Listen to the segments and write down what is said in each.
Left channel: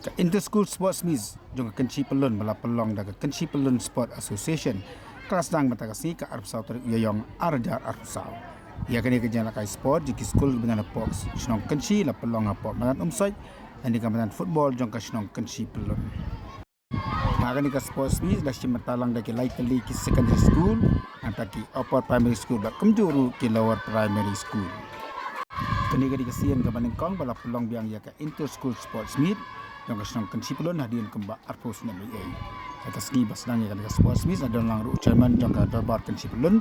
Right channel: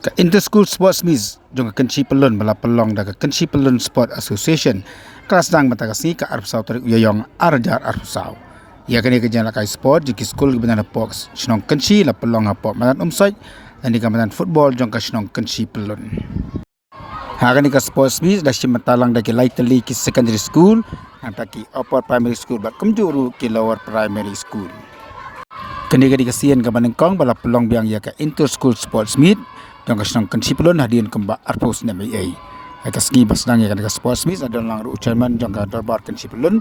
Ka Inter-School Sports Meet jong ka Kynshi Pyllun bala pelong da ka Kynshi Pyllun Sport Association kelas Sdang matagasi ka Arpsau tarik uyayong arjar Arpsau. Ia kini kerja lakai sport jiki skul kebenaran box Snong Kynshi la pelong apa matan umsoj dan di kebenaran football jong ka Snong Kynshi Pyllun. Hari ni ka sports meet dah matalang da ki Lightly ki secondary school antara ki upper primary school bat kumjuru ki lower primary school. Kini ka dikasian ka banengkong bala pelong biang ia ka Inter-School Sports Meet jong ka Snong Kynshi Pyllun hadian kembak Arpus na MA. Ka Sngi basnang ia ka sports meet ada lang ru chairman jong ka Darbar Kynshi Pyllun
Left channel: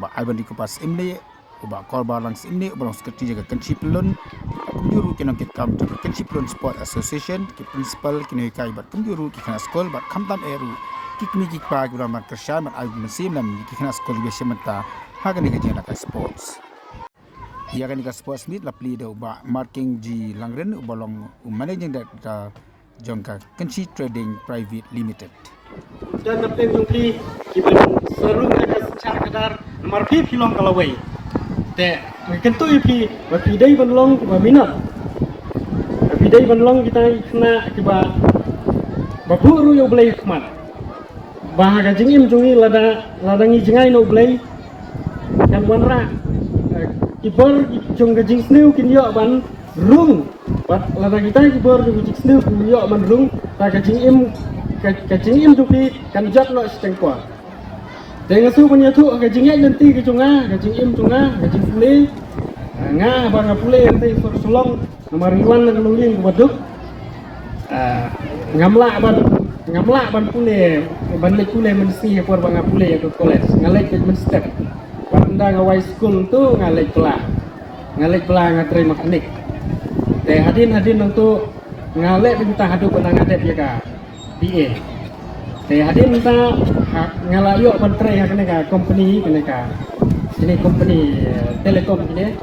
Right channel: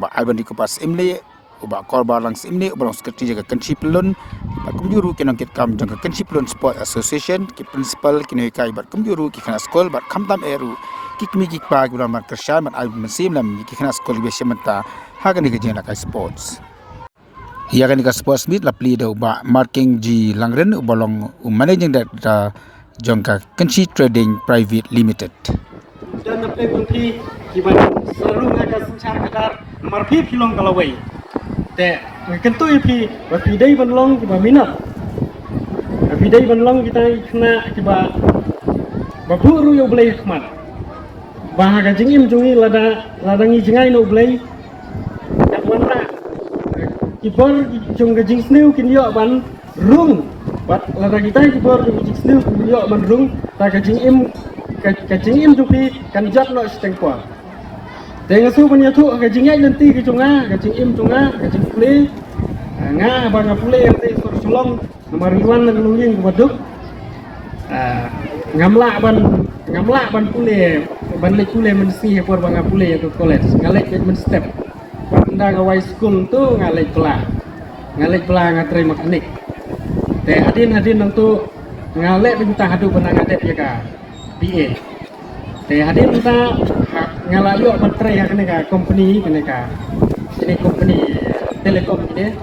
ba aiban di kupas imli uba korba lang imni uba sekretari jaga Kynshi Pyllun kumjuru kinong kit kam jong ka Kynshi Pyllun Sport Association ki principal kini kai bat kumjuru ki kana skol bat kamtam eru ki kmi ki pa ki ram kersha mat ai mesim nam ki kana skol bi sementa hagan ni ka kai sports. Ia kan ka sports meet la pli do ba marking ji langren ubalong managing director jong ka Kynshi Trading Private Limited. Dan nape mungkin kita selalu ada secara kadar marpi film kalawai. Te kentu ipi bapidai banlong kita minat. Bapidai banlong kita kena kita baburu yo belai kmat. Bahaga jengim jongi ladangi jengai no belai. Yang warna kibor jong gajing sniu kinyo ban rung. Bat ladang kita kibor jong gajing sniu kinyo ban rung. Ta gajing im tupi kan jat no stengkor. Dengan tu punya tu gajing ai nanti ke jonga gajing im jonga gajing pule nga bang pule nanti sulong nomor riwan nang luling waduk ngamla ban pule ban le pule mensi ekor bang pule ya tu college ngalek men step anda ngawai school tu ngalek pelah ngatri mekanik te hadin untuk ngalek minta hadu benang adep ya ka PA te hadin minta ngalah yuk bertrai yang kena company ini company telekom ini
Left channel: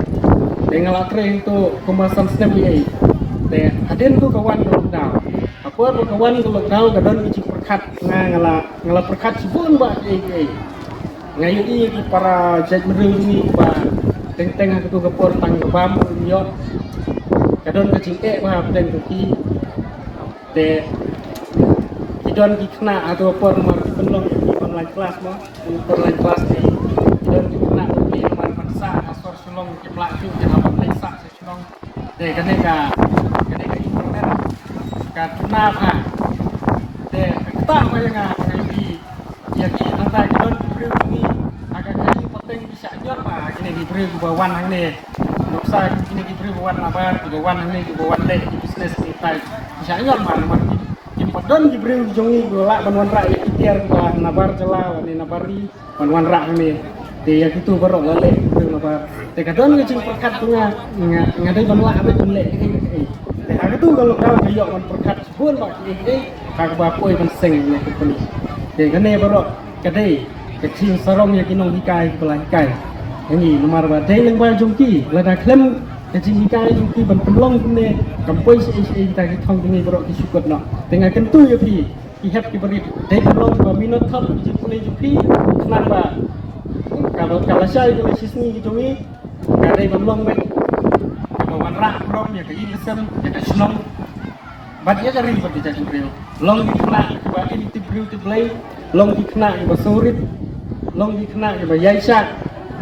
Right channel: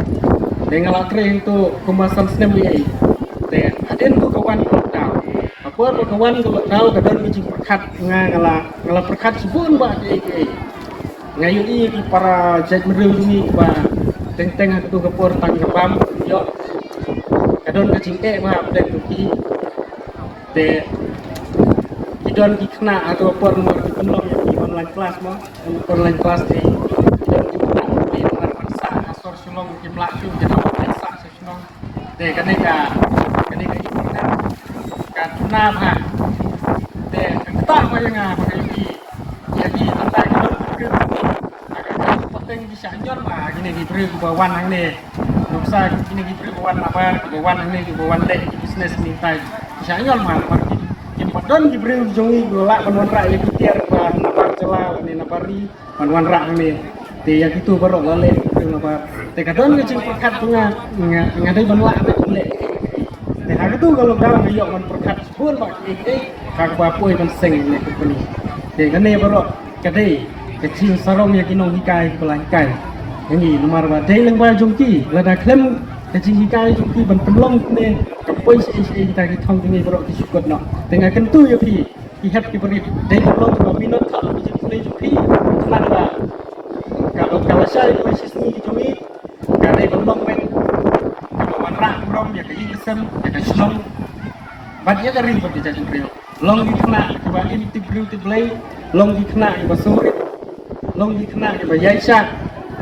te ngalah trai itu kemasan Sngi te hadin tu kawan tau apa kawan kalau kadang mesti perkat ngalah perkat sebun buat ini ngayu ni para jaj medul ni ba teng-teng aku gapor tang pam yo kadon kecing ba plek tu te kidon kena atau apa rumah penuh online kelas mah online kelas ni kidon kena ni paksa asor sulong ki pelatu kita paksa sulong te kene ka internet ka kena ha te tak bayang ni jadi tata kidon agak penting bisa nyor bah kini diberi bawan hang ni noksa kini diberi bawan apa bawan hang ni bawan dek bisnes ni tai bisa nyor mah Padon diberi jongi golak banwan rak ya kitiar ban nabar jela wani nabari banwan rak ni te ya itu baru balik tu nabar te kadon ngecing perkat tunga ngadai banwak te lek te aku tu kalau dalam ayok ban perkat sebun bak kag bapoi ban seng ni ni te kene baru kadai kecing sarom ya kinong hikai belah hikai ini nomor badai yang ba jongki lada klem kecing hikai jongki ban pelong ni kampoi isi kita thong ni baru kisukut nak tengah kentu ya pi ihap ki beri dai pelong ko minot thap ki puni jongki kenapa kalau saya itu sisi jongi dari pelong men bawan rak long ya ke isem ya ke slong badia kering ko kita jongki long di kena ba ini beauty play long di kena ba sorit long di kena ba yaisha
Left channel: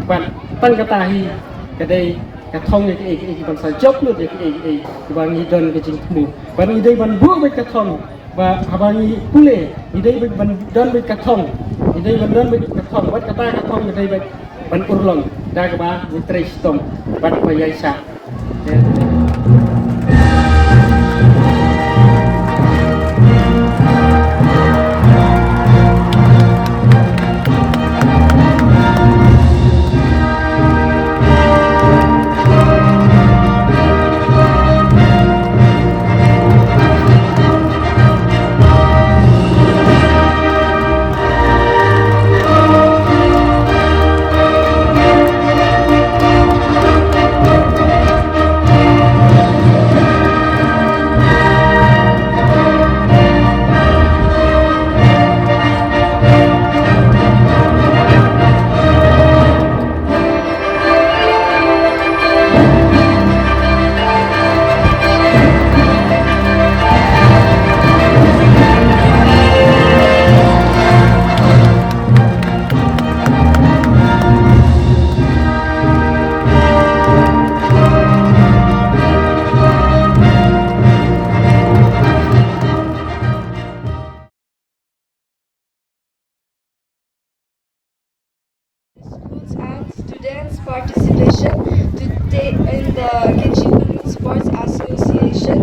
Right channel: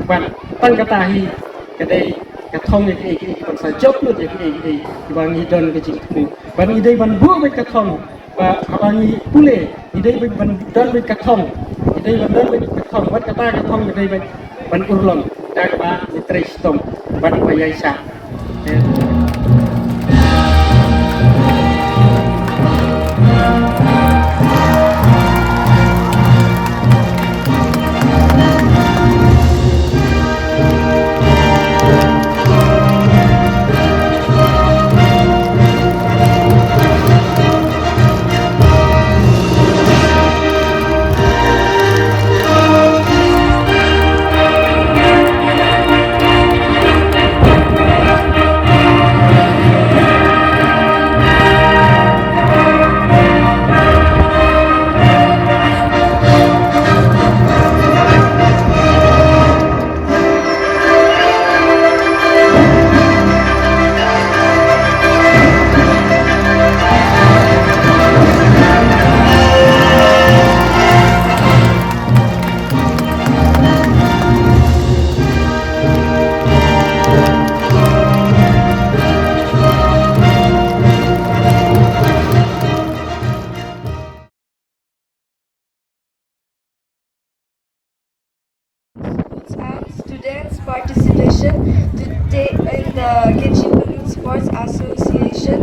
ban tang katahi kedai cái thông này cái còn sai chốc nữa thì cái bằng như đơn cái chính phủ bằng như đây bằng vua với cái thông và bằng như cú lệ như đây bằng đơn với cái thông như đây bằng đơn với cái thông bắt cái ta cái thông như đây bằng urlong ta cái ba với trai stom bằng cái dây sạc participation to take in the Kynshi Pyllun Sports Association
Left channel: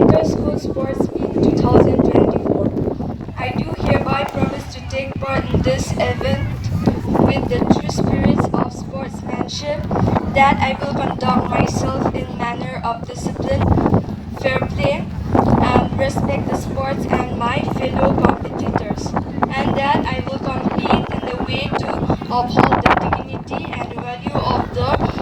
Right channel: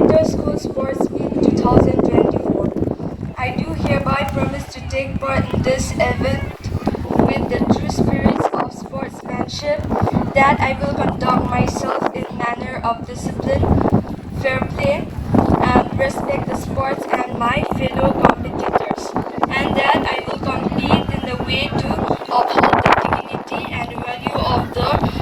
Inter-School Sports Meet 2024. I do hereby promise to take part in this event with the true spirits of sportsmanship, that I will conduct myself in manner of discipline, fair play, and respect the sports and my fellow competitors, and that I will compete in the way to uphold the dignity and value of the